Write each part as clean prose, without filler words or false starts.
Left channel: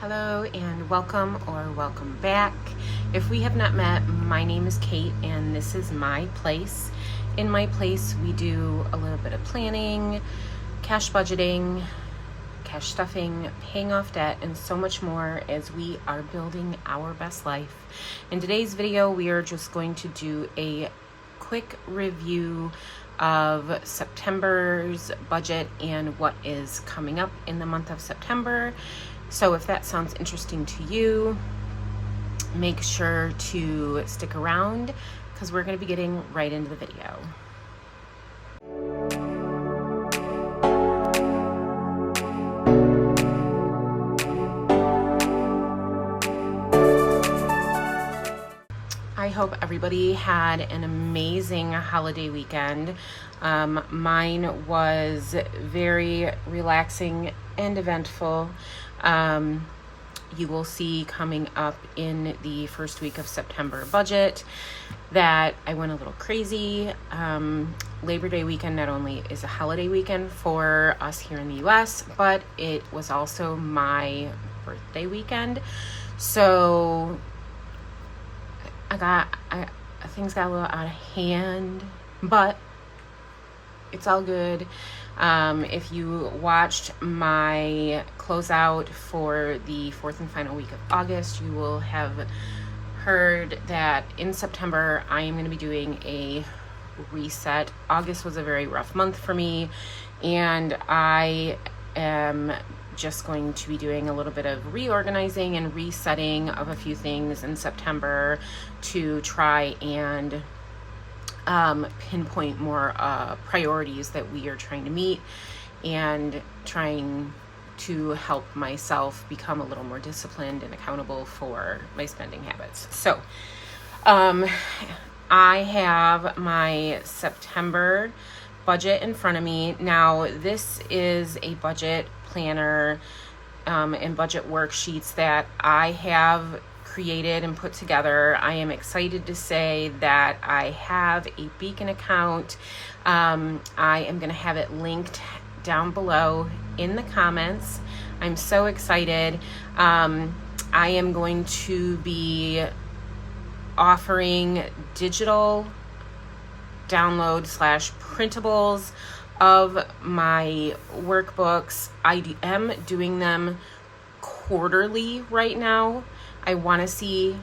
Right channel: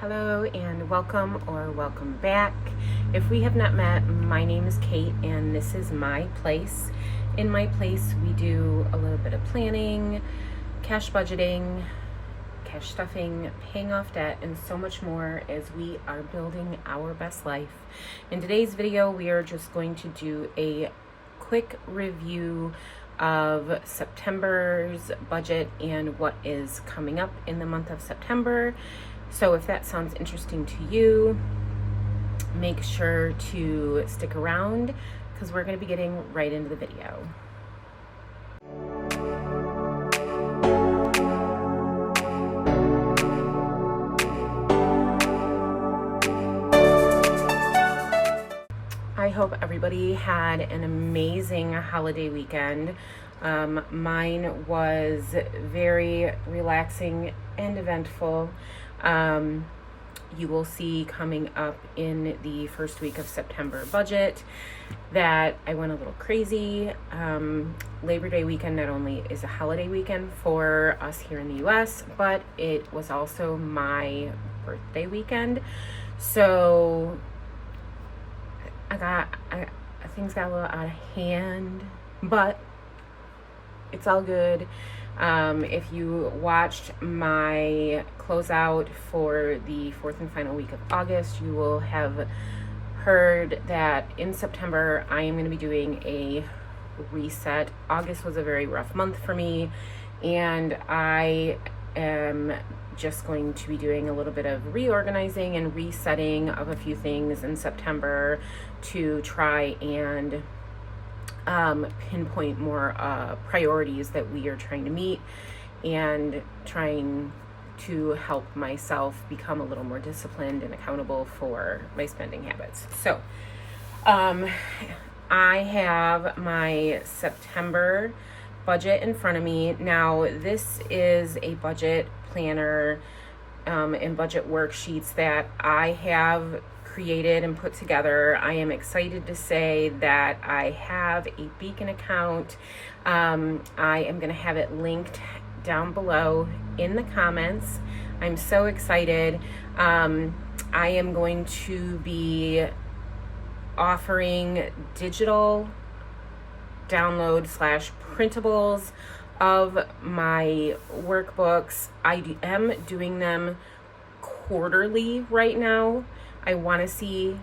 Hello and welcome or welcome back. If we have not met, my name is Kate and this is my place. In my place, we do a little bit of planning, cash budgeting, cash stuffing, paying off debt, and so much more as we are building our best life. In today's video, we are just going to do a quick review of September's budget and what is coming up in the month of September. So if that sounds interesting to you, make sure to stick around because we're going to be getting right into the video. I hope everybody had an amazing holiday weekend. Mine was very relaxing and eventful. You will see coming up in the first week of September budget that I went a little crazy. Labor Day weekend not only is a holiday weekend for us here in the US, but it was also my birthday weekend. So things got a little out of hand, but it's all good. If you watched my closeout for the fourth and final week of August, you will have heard that in September I am going to be doing a reset. August was a very rough month for me, and I am just going to be doing a little bit of reorganizing and resetting of a few things in September to try and pinpoint more priorities that we are trying to meet and trying to help myself become a little more disciplined and accountable for my spending habits. So I have my September budget in front of me. Now, this is a budget planner and budget worksheets that I have created and put together. I am excited to say that I have a Beacon account. I am going to have it linked down below in the comments. I'm so excited. I am going to be offering digital download / printables of my workbooks. I am doing them quarterly right now. I want to see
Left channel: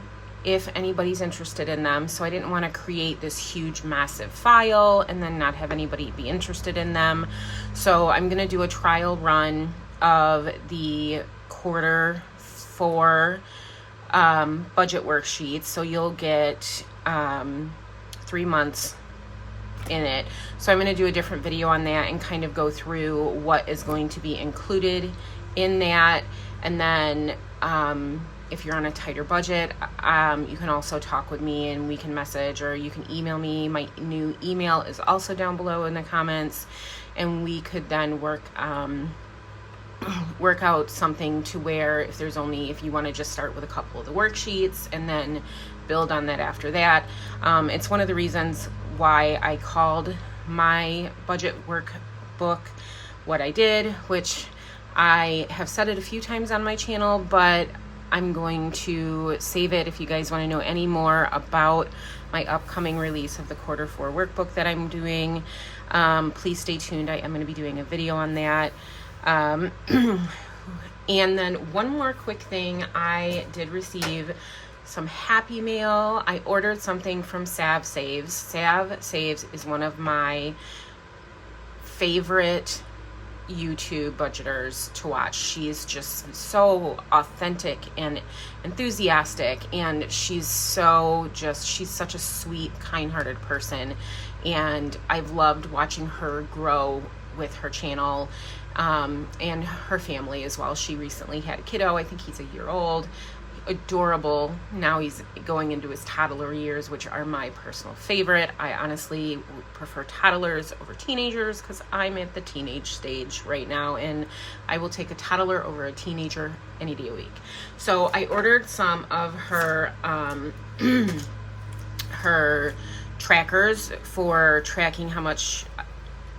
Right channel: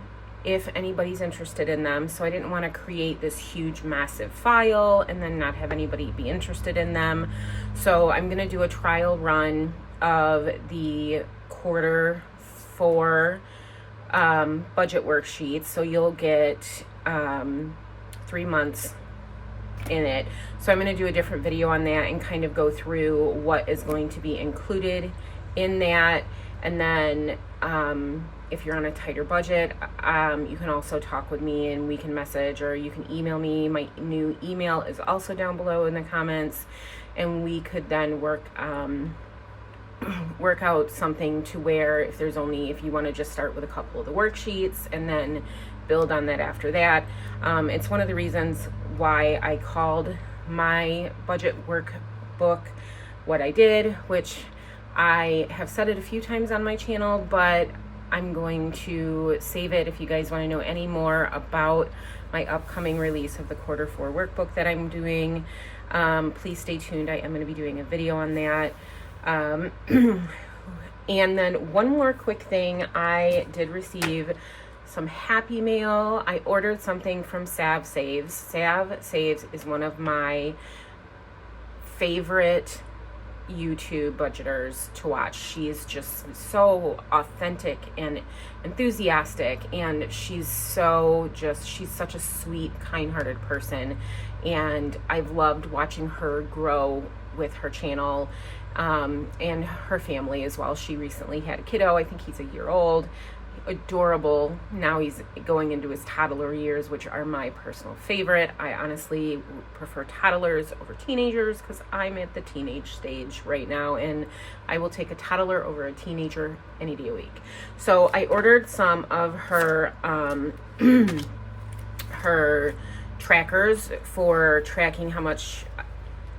if anybody's interested in them. So I didn't want to create this huge, massive file and then not have anybody be interested in them. So I'm going to do a trial run of the quarter 4 budget worksheets. So you'll get 3 months in it. So I'm going to do a different video on that and kind of go through what is going to be included in that. And then if you're on a tighter budget, you can also talk with me and we can message, or you can email me. My new email is also down below in the comments, and we could then work out something to where if you want to just start with a couple of the worksheets and then build on that after that. It's one of the reasons why I called my budget workbook what I did, which I have said it a few times on my channel, but I'm going to save it if you guys want to know any more about my upcoming release of the quarter 4 workbook that I'm doing. Please stay tuned. I am going to be doing a video on that. And then one more quick thing, I did receive some happy mail. I ordered something from Sav Saves. Sav Saves is one of my favorite YouTube budgeters to watch. She's just so authentic and enthusiastic, and she's such a sweet, kind-hearted person, and I've loved watching her grow with her channel and her family as well. She recently had a kiddo. I think he's a year old. Adorable. Now he's going into his toddler years, which are my personal favorite. I honestly prefer toddlers over teenagers because I'm at the teenage stage right now, and I will take a toddler over a teenager any day a week. So I ordered some of her her trackers for tracking how much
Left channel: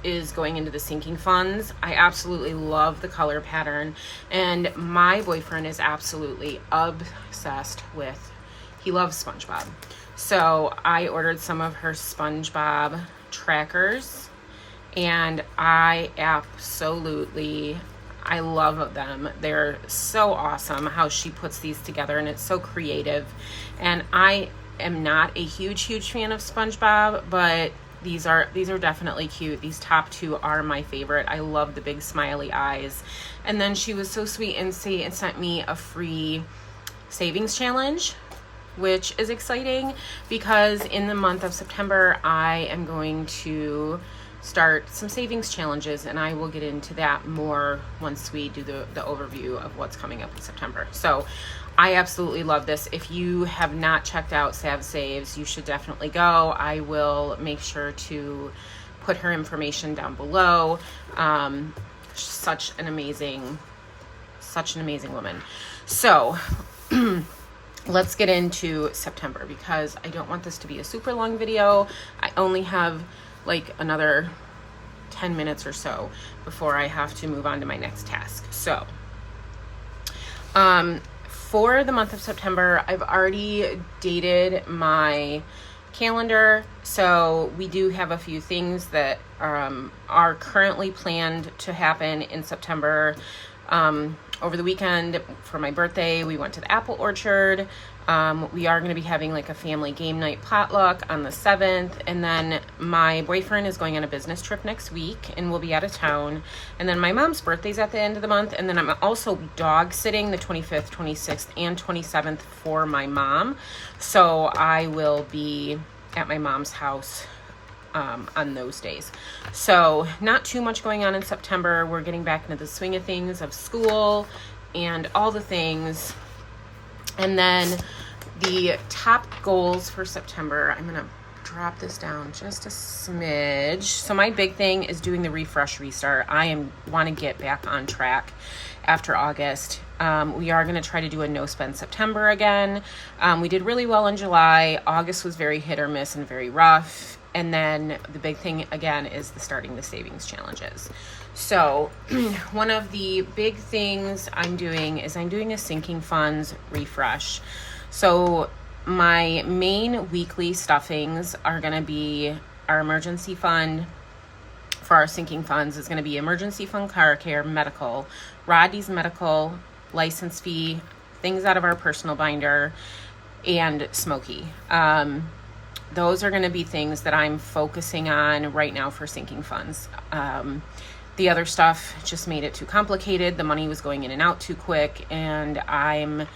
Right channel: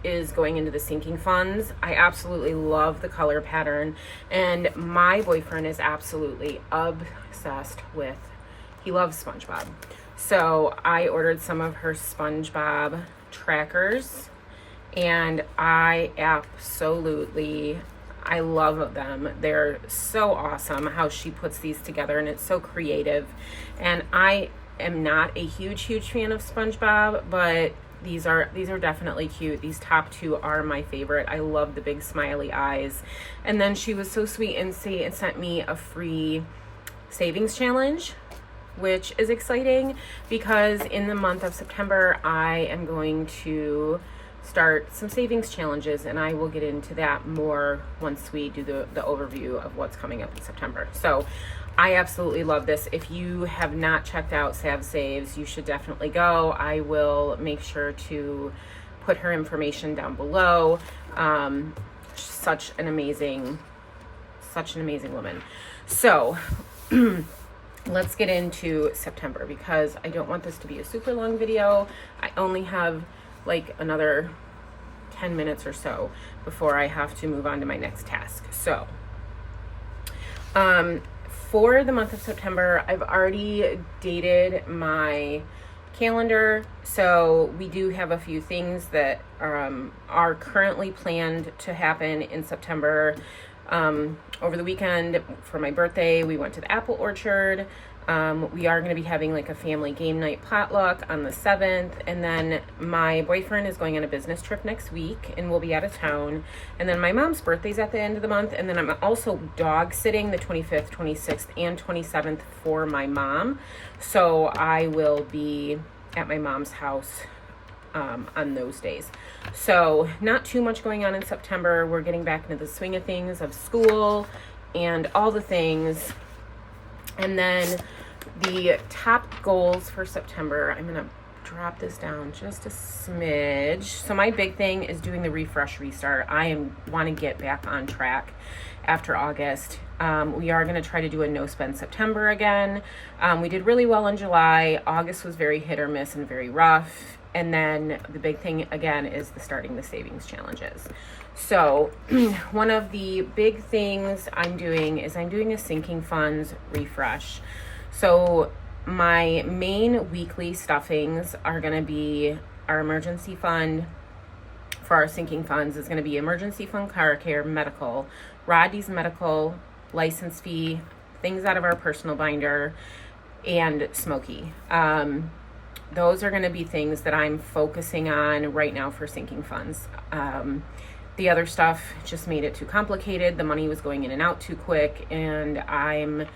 is going into the sinking funds. I absolutely love the color pattern, and my boyfriend is absolutely obsessed with, he loves SpongeBob. So I ordered some of her SpongeBob trackers, and I love them. They're so awesome how she puts these together, and it's so creative. And I am not a huge fan of SpongeBob, but these are definitely cute. These top two are my favorite. I love the big smiley eyes. And then she was so sweet and sent me a free savings challenge, which is exciting because in the month of September, I am going to start some savings challenges, and I will get into that more once we do the overview of what's coming up in September. So I absolutely love this. If you have not checked out Sav Saves, you should definitely go. I will make sure to put her information down below. Such an amazing woman. So let's get into September, because I don't want this to be a super long video. I only have like another 10 minutes or so before I have to move on to my next task. So for the month of September, I've already dated my calendar. So we do have a few things that are currently planned to happen in September. Over the weekend for my birthday, we went to the apple orchard. We are going to be having like a family game night potluck on the 7th. And then my boyfriend is going on a business trip next week and we'll be out of town. And then my mom's birthday's at the end of the month. And then I'm also dog sitting the 25th, 26th, and 27th for my mom. So I will be at my mom's house on those days. So not too much going on in September. We're getting back into the swing of things of school and all the things. And then the top goals for September, I'm going to drop this down just a smidge. So my big thing is doing the refresh restart. Want to get back on track after August. We are going to try to do a no spend September again. We did really well in July. August was very hit or miss and very rough. And then the big thing again is starting the savings challenges. So one of the big things I'm doing is a sinking funds refresh. So my main weekly stuffings are going to be our emergency fund. For our sinking funds is going to be emergency fund, car care, medical, Rodney's medical, license fee, things out of our personal binder, and Smokey. Those are going to be things that I'm focusing on right now for sinking funds. The other stuff just made it too complicated. The money was going in and out too quick, and I'm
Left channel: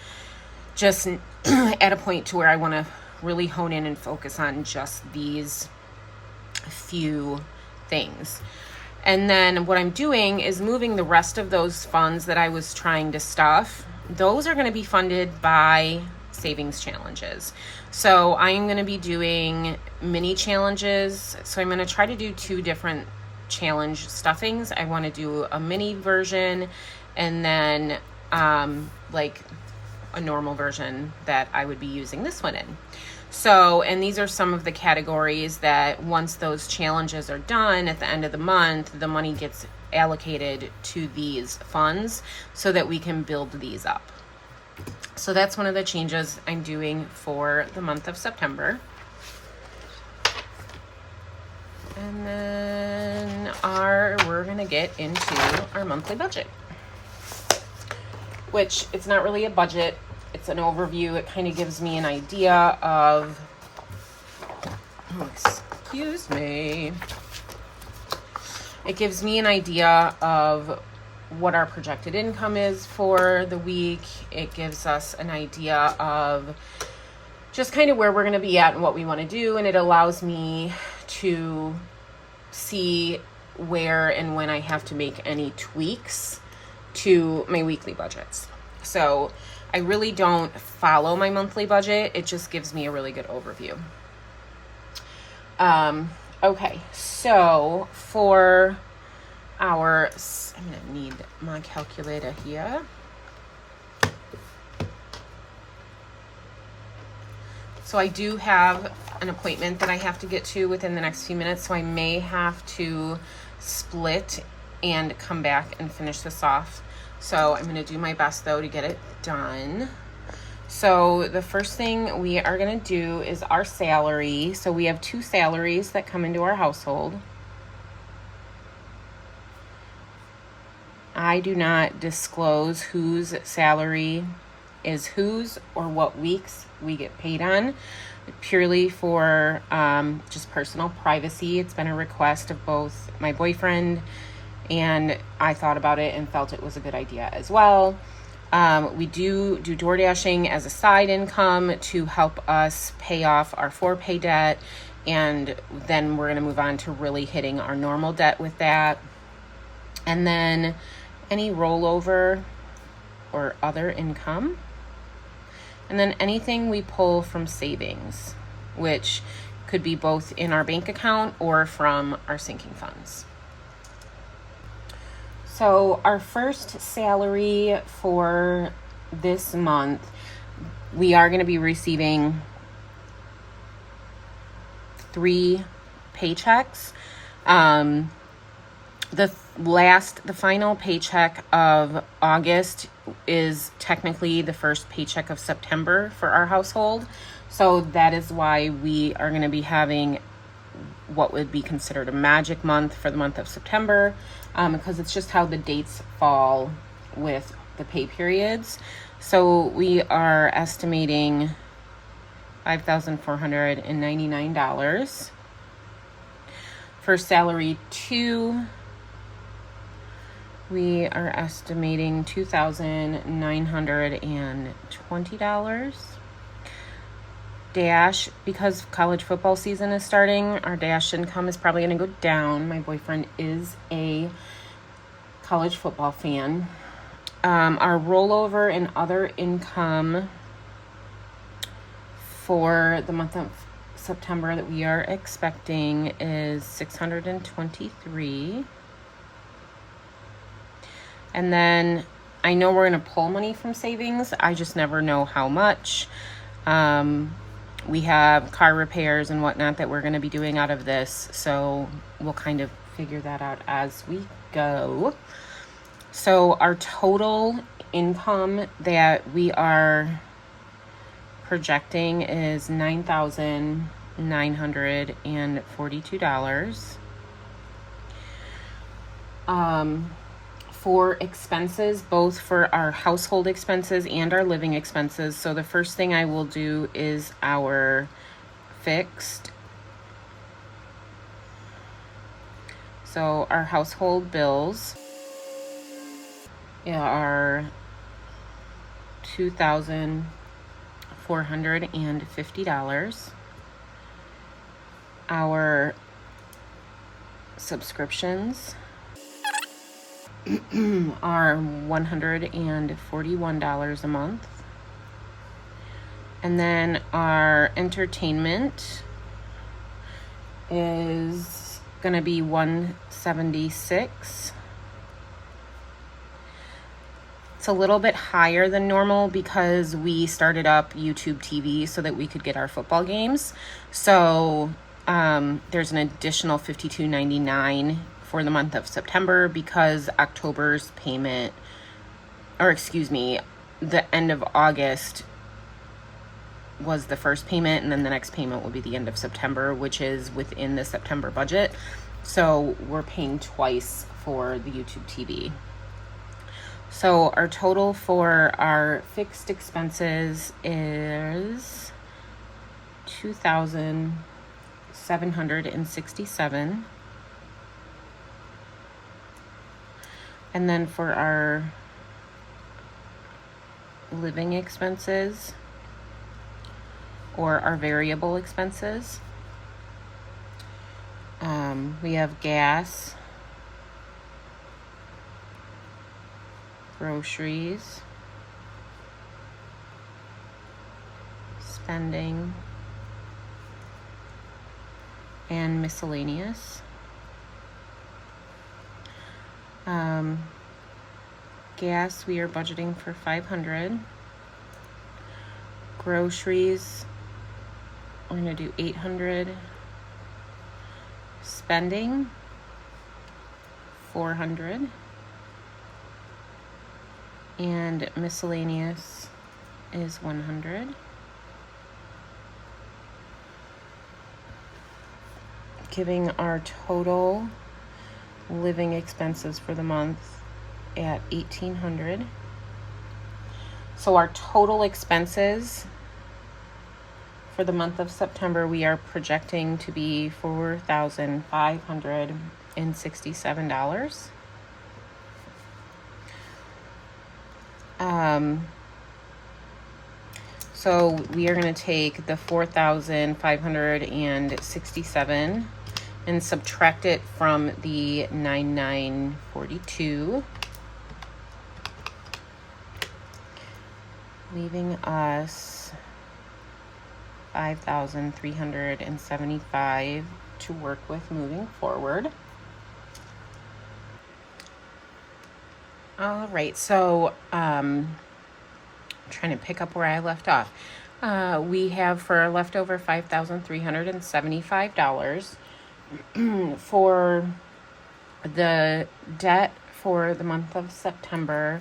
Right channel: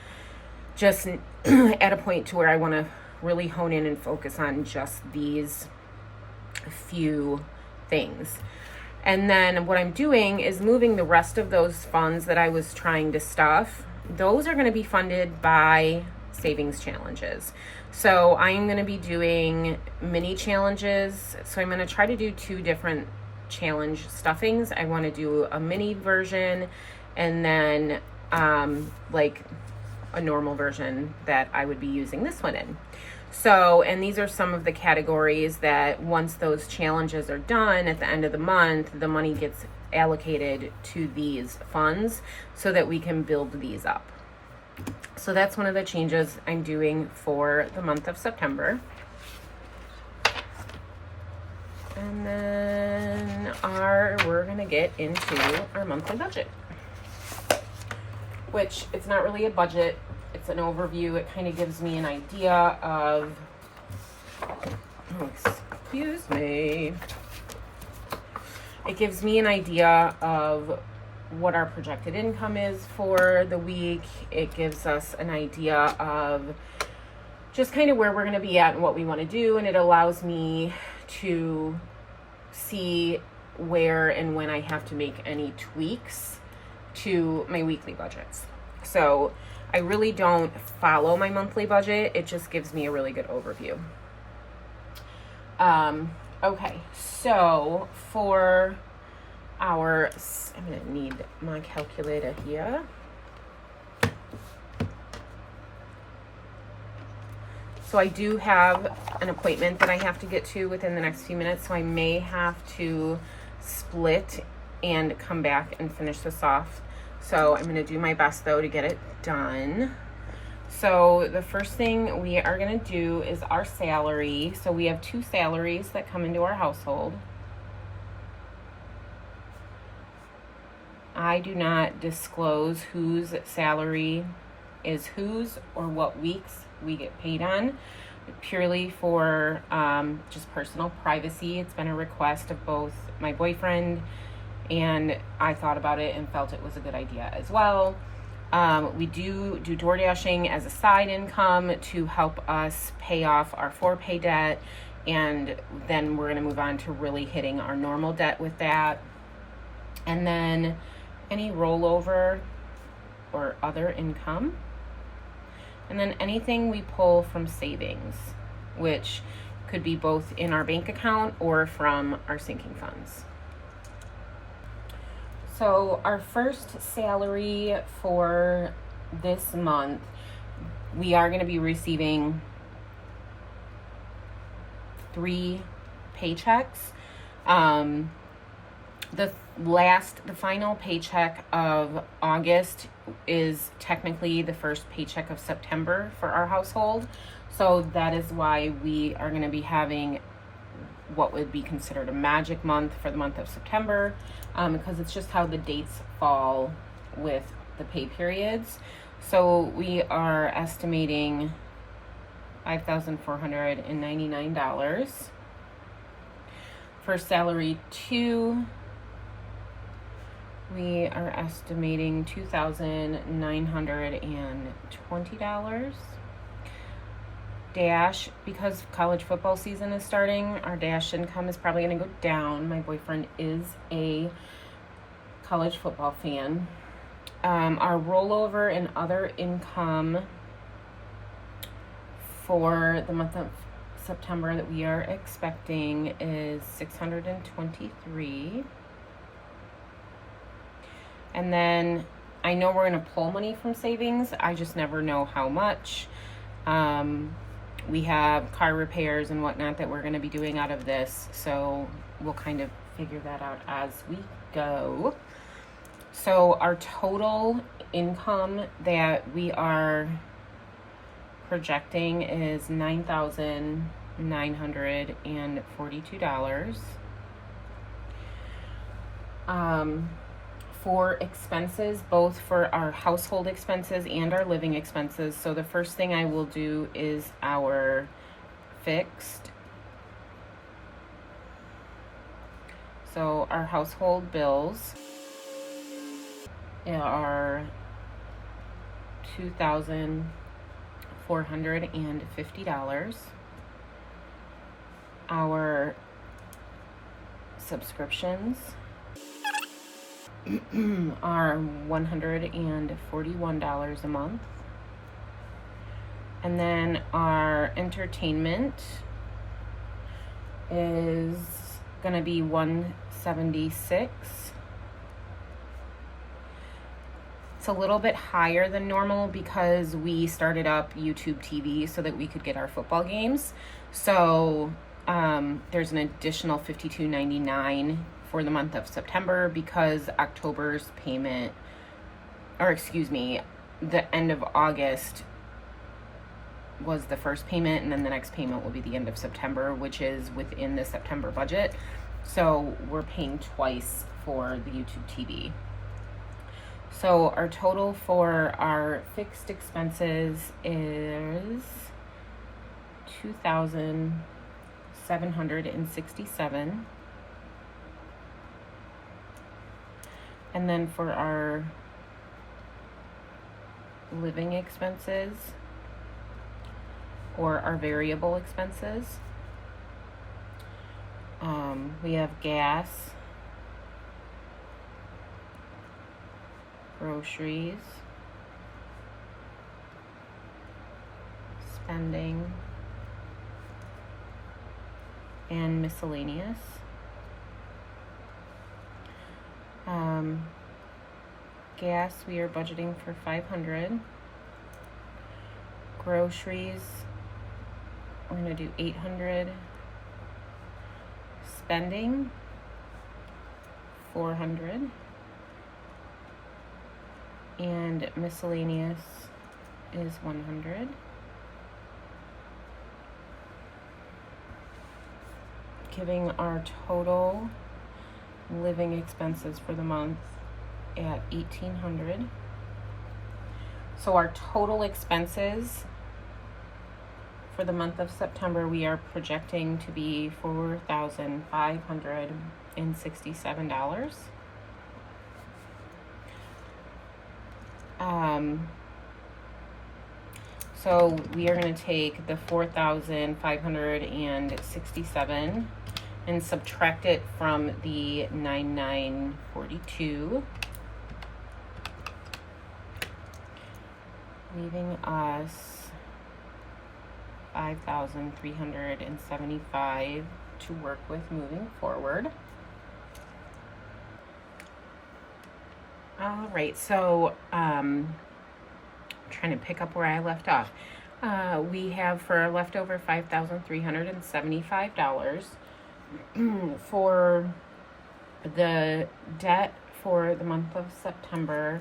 just at a point to where I want to really hone in and focus on just these few things. And then what I'm doing is moving the rest of those funds that I was trying to stuff. Those are going to be funded by savings challenges. So I'm going to be doing mini challenges. So I'm going to try to do 2 different challenge stuffings. I want to do a mini version and then like a normal version that I would be using this one in. So, and these are some of the categories that once those challenges are done at the end of the month, the money gets allocated to these funds so that we can build these up. So that's one of the changes I'm doing for the month of September. And then we're going to get into our monthly budget, which it's not really a budget. It's an overview. It kind of gives me an idea of, excuse me. It gives me an idea of what our projected income is for the week. It gives us an idea of just kind of where we're going to be at and what we want to do. And it allows me to see where and when I have to make any tweaks to my weekly budgets. So I really don't follow my monthly budget. It just gives me a really good overview. Okay, so for I'm going to need my calculator here. So I do have an appointment that I have to get to within the next few minutes, so I may have to split and come back and finish this off. So I'm going to do my best though to get it done. So the first thing we are going to do is our salary. So we have 2 salaries that come into our household. I do not disclose whose salary is whose or what weeks we get paid on, purely for just personal privacy. It's been a request of both my boyfriend, and I thought about it and felt it was a good idea as well. We do door dashing as a side income to help us pay off our 4-pay debt, and then we're going to move on to really hitting our normal debt with that. And then any rollover or other income. And then anything we pull from savings, which could be both in our bank account or from our sinking funds. So our first salary for this month, we are going to be receiving 3 paychecks. The final paycheck of August is technically the first paycheck of September for our household. So that is why we are going to be having what would be considered a magic month for the month of September, because it's just how the dates fall with the pay periods. So we are estimating $5,499. For salary 2, we are estimating $2,920. Dash, because college football season is starting, our dash income is probably going to go down. My boyfriend is a college football fan. Our rollover and other income for the month of September that we are expecting is $623. And then I know we're going to pull money from savings. I just never know how much. We have car repairs and whatnot that we're going to be doing out of this. So we'll kind of figure that out as we go. So our total income that we are projecting is $9,942. For expenses, both for our household expenses and our living expenses. So the first thing I will do is our fixed. So our household bills are $2,450. Our subscriptions are $141 a month. And then our entertainment is going to be $176. It's a little bit higher than normal because we started up YouTube TV so that we could get our football games. So there's an additional $52.99 for the month of September because October's payment, or excuse me, the end of August was the first payment, and then the next payment will be the end of September, which is within the September budget. So we're paying twice for the YouTube TV. So our total for our fixed expenses is $2,767. And then for our living expenses or our variable expenses, we have gas, groceries, spending, and miscellaneous. Gas, we are budgeting for $500. Groceries, I'm going to do $800. Spending, 400, and miscellaneous is 100. Giving our total living expenses for the month at 1,800. So our total expenses for the month of September, we are projecting to be $4,567. So we are going to take the 4,567 and subtract it from the 9,942, leaving us 5,375 to work with moving forward. All right, so trying to pick up where I left off. We have for our leftover $5,375 for the debt for the month of September.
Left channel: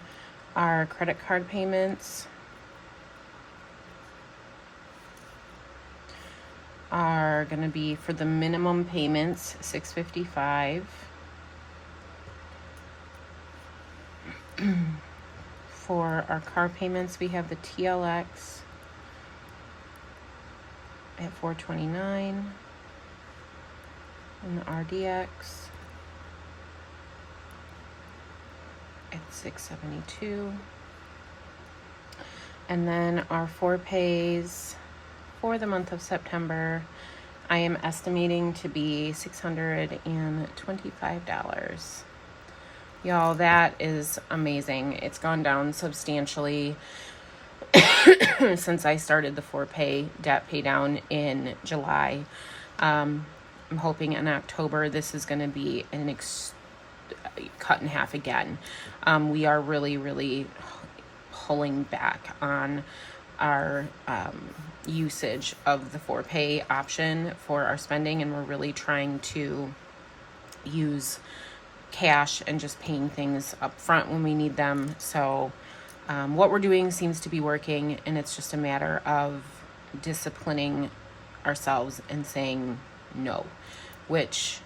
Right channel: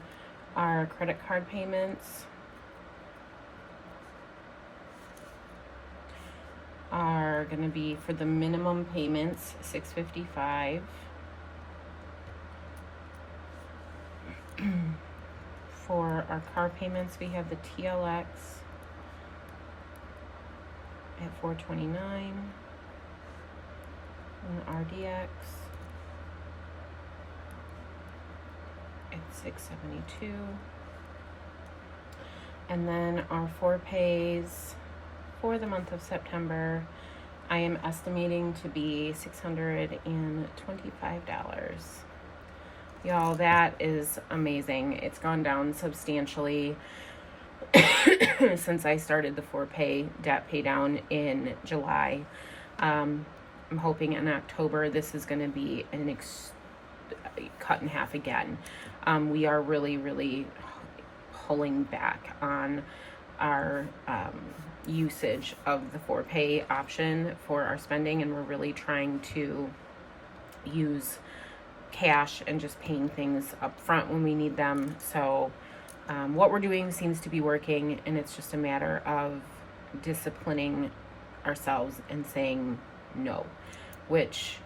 Our credit card payments are going to be, for the minimum payments, $655. For our car payments, we have the TLX at $429 and the RDX at $672. And then our 4-pays for the month of September, I am estimating to be $625. Y'all, that is amazing. It's gone down substantially since I started the 4-pay debt pay down in July. I'm hoping in October this is going to be cut in half again. We are really pulling back on our usage of the 4-pay option for our spending, and we're really trying to use cash and just paying things up front when we need them. So what we're doing seems to be working, and it's just a matter of disciplining ourselves and saying no, which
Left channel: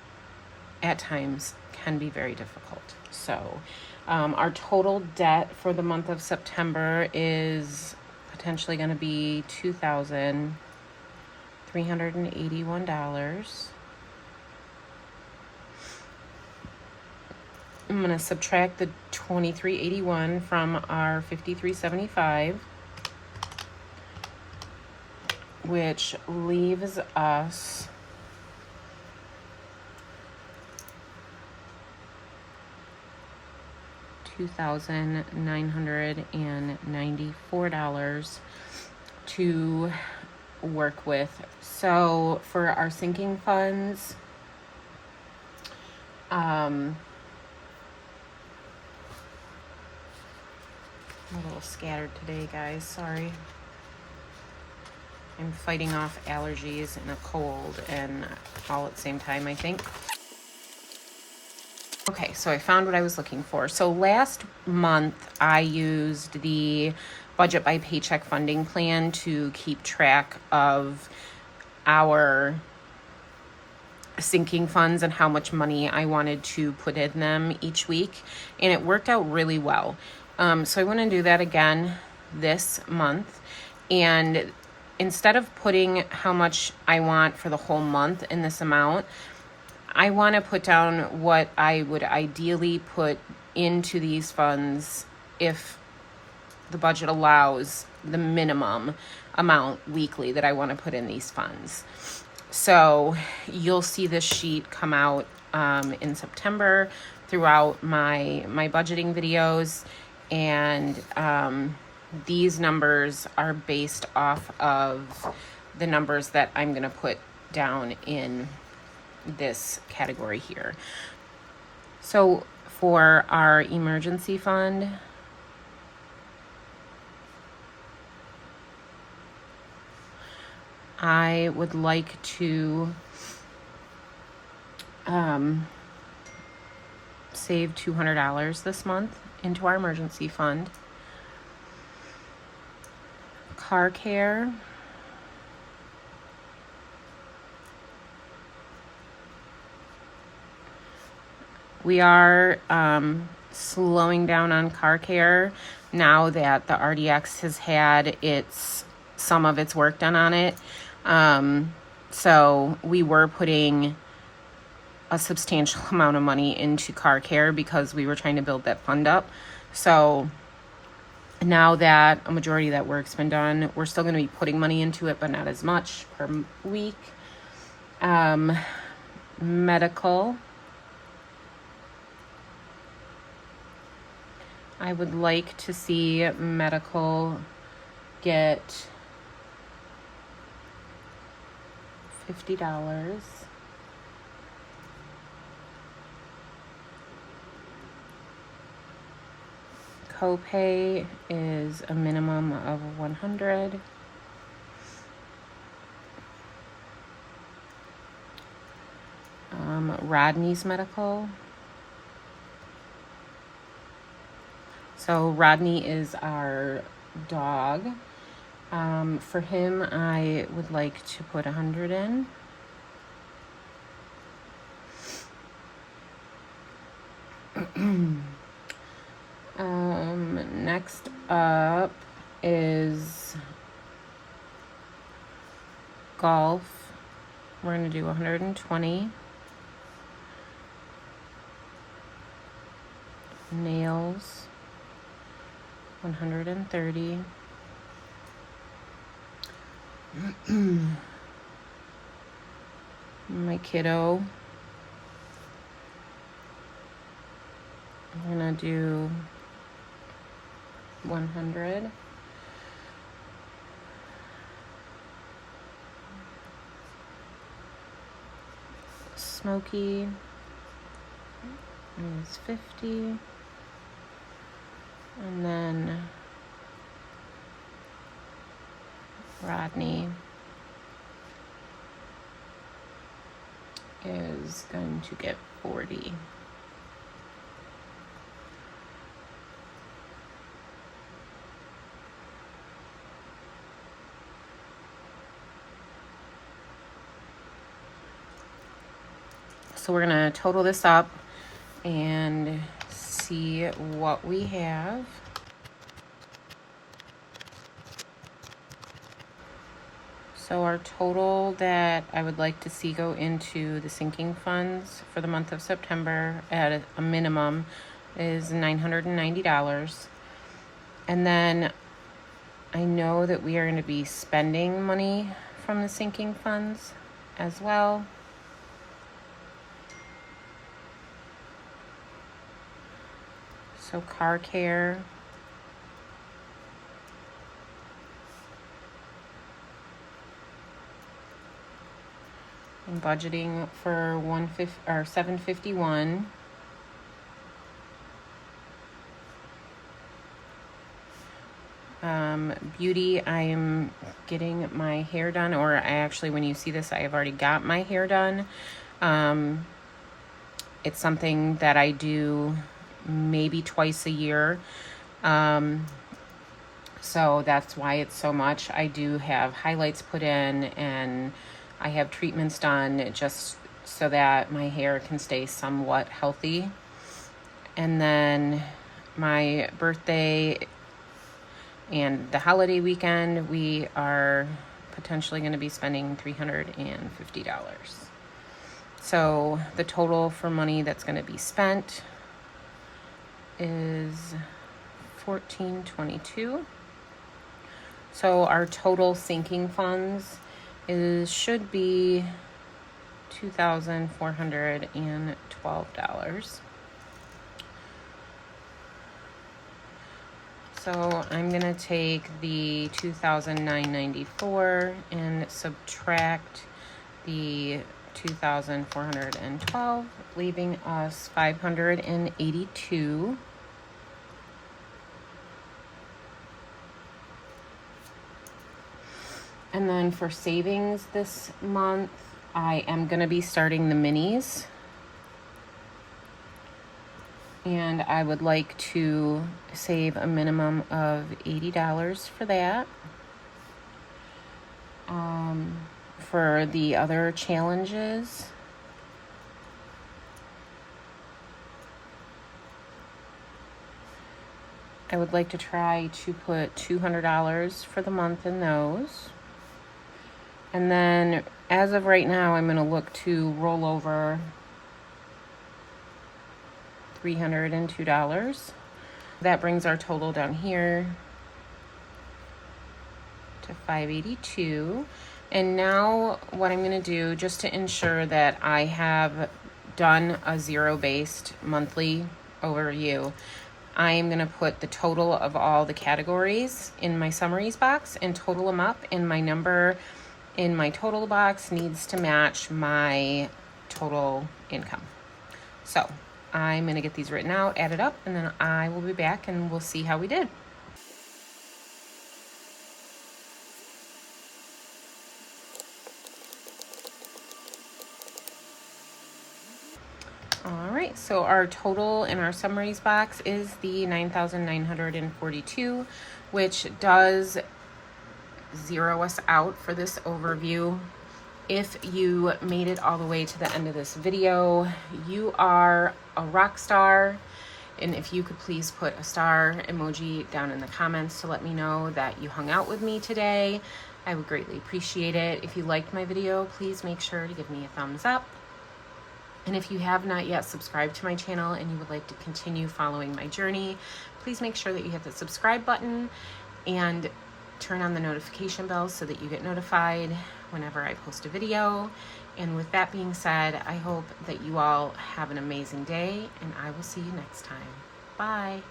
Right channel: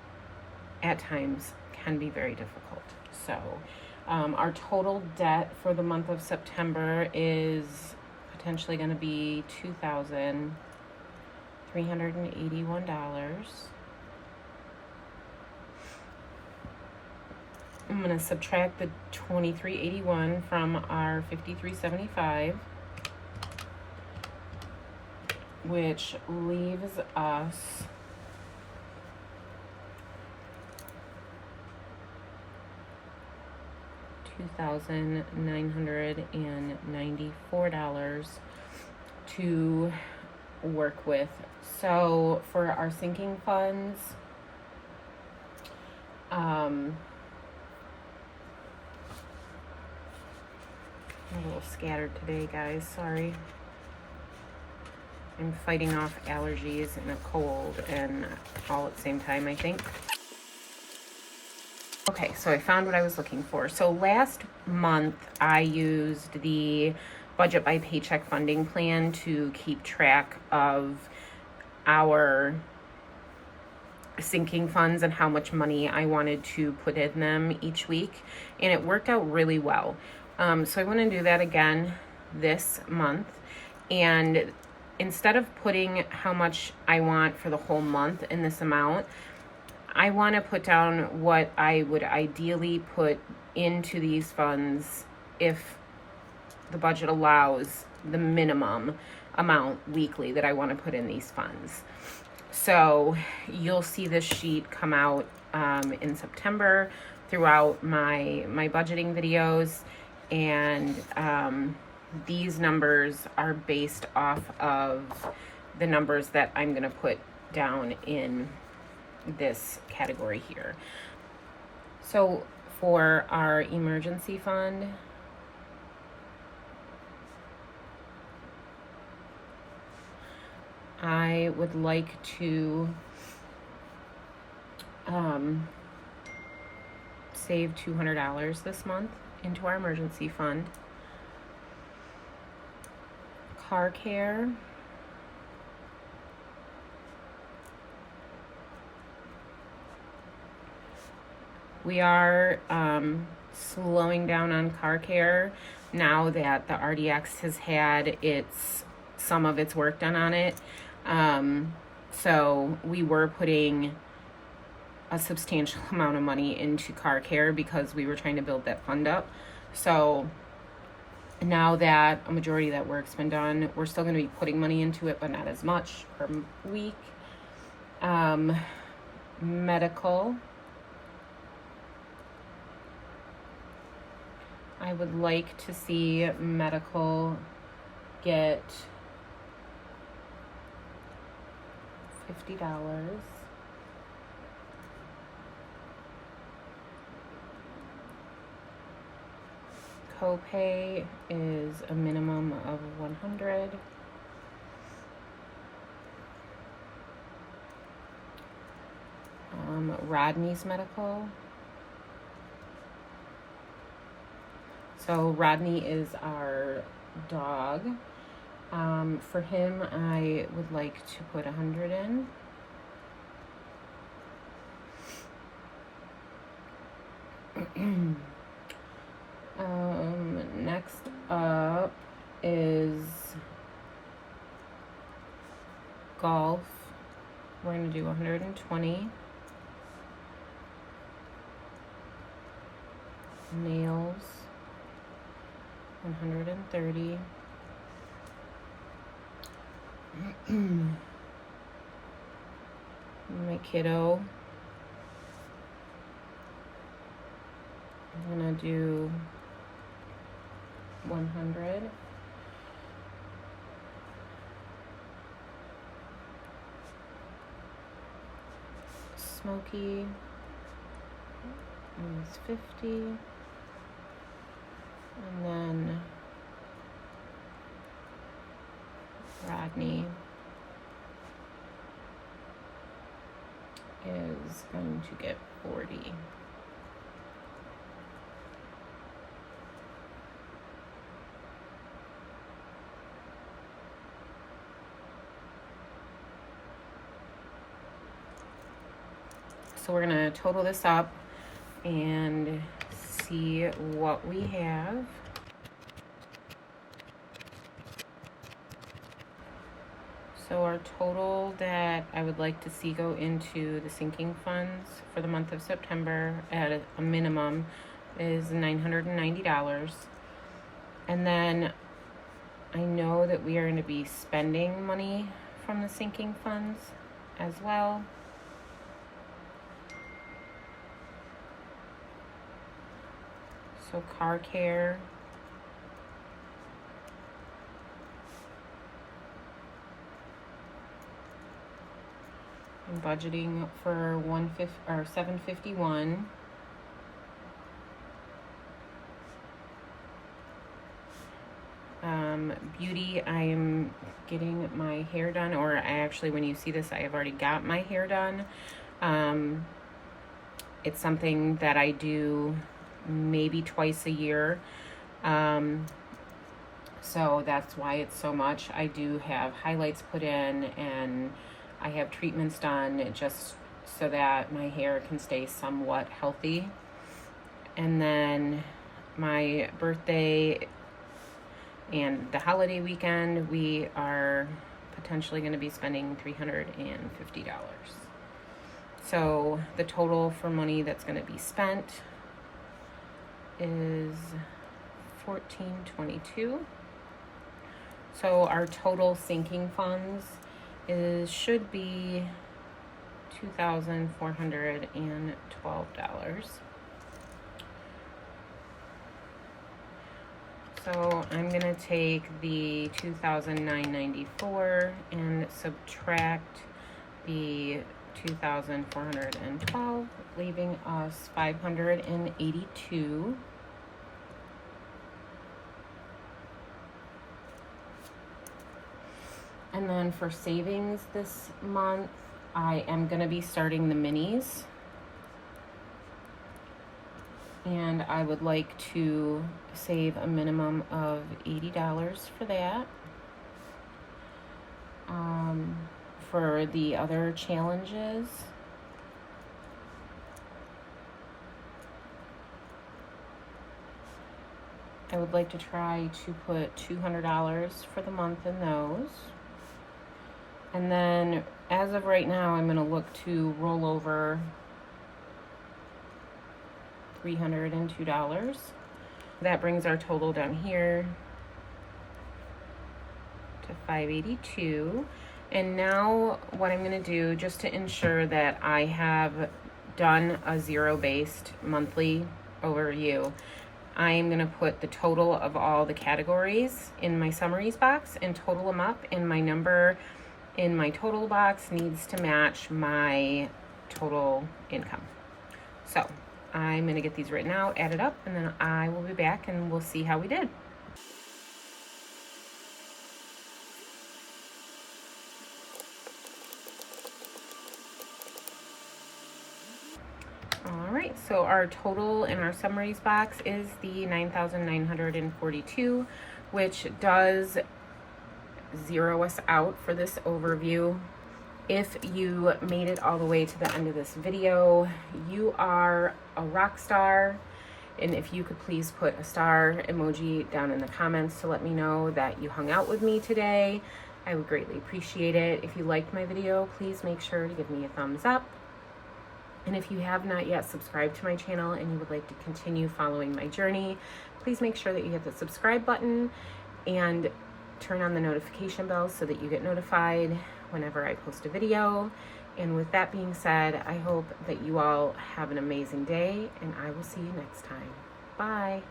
at times can be very difficult. So our total debt for the month of September is potentially going to be $2,381. I'm going to subtract the $2,381 from our $5,375, which leaves us $2,994 to work with. So for our sinking funds, I'm a little scattered today, guys. Sorry. I'm fighting off allergies and a cold and all at the same time, I think. Okay, so I found what I was looking for. So last month, I used the budget by paycheck funding plan to keep track of our sinking funds and how much money I wanted to put in them each week, and it worked out really well. So I want to do that again this month, and instead of putting how much I want for the whole month in this amount, I want to put down what I would ideally put into these funds if the budget allows the minimum amount weekly that I want to put in these funds. So you'll see this sheet come out in September throughout my budgeting videos, and these numbers are based off of the numbers that I'm going to put down in this category here. So for our emergency fund, I would like to save $200 this month into our emergency fund. Car care. We are slowing down on car care now that the RDX has had some of its work done on it. So we were putting a substantial amount of money into car care because we were trying to build that fund up. So now that a majority of that work's been done, we're still going to be putting money into it, but not as much per week. Medical. I would like to see medical get $50. Copay is a minimum of $100. Rodney's medical. So Rodney is our dog. For him, I would like to put 100 in. Next up is golf. We're going to do 120. Nails, 130. My kiddo, I'm gonna do 100. Smokey is 50. And then Rodney is going to get 40. So we're going to total this up and see what we have. So our total that I would like to see go into the sinking funds for the month of September at a minimum is $990. And then I know that we are going to be spending money from the sinking funds as well. So car care. I'm budgeting for $751. Beauty, I am getting my hair done, or I actually, when you see this, I have already got my hair done. It's something that I do maybe twice a year. So that's why it's so much. I do have highlights put in, and I have treatments done just so that my hair can stay somewhat healthy. And then my birthday and the holiday weekend, we are potentially going to be spending $350. So the total for money that's going to be spent is $1,422. So our total sinking funds should be $2,412. So I'm gonna take the $2,994 and subtract the $2,412, leaving us $582. And then for savings this month, I am gonna be starting the minis. And I would like to save a minimum of $80 for that. For the other challenges, I would like to try to put $200 for the month in those. And then as of right now, I'm going to look to roll over $302. That brings our total down here to $582. And now what I'm going to do, just to ensure that I have done a zero-based monthly overview, I am going to put the total of all the categories in my summaries box and total them up, and my number in my total box needs to match my total income. So I'm going to get these written out, added up, and then I will be back and we'll see how we did. Alright, so our total in our summaries box is the $9,942, which does zero us out for this overview. If you made it all the way to the end of this video, you are a rock star. And if you could please put a star emoji down in the comments to let me know that you hung out with me today, I would greatly appreciate it. If you liked my video, please make sure to give me a thumbs up. And if you have not yet subscribed to my channel and you would like to continue following my journey, please make sure that you hit the subscribe button and turn on the notification bell so that you get notified whenever I post a video. And with that being said, I hope that you all have an amazing day, and I will see you next time. Bye.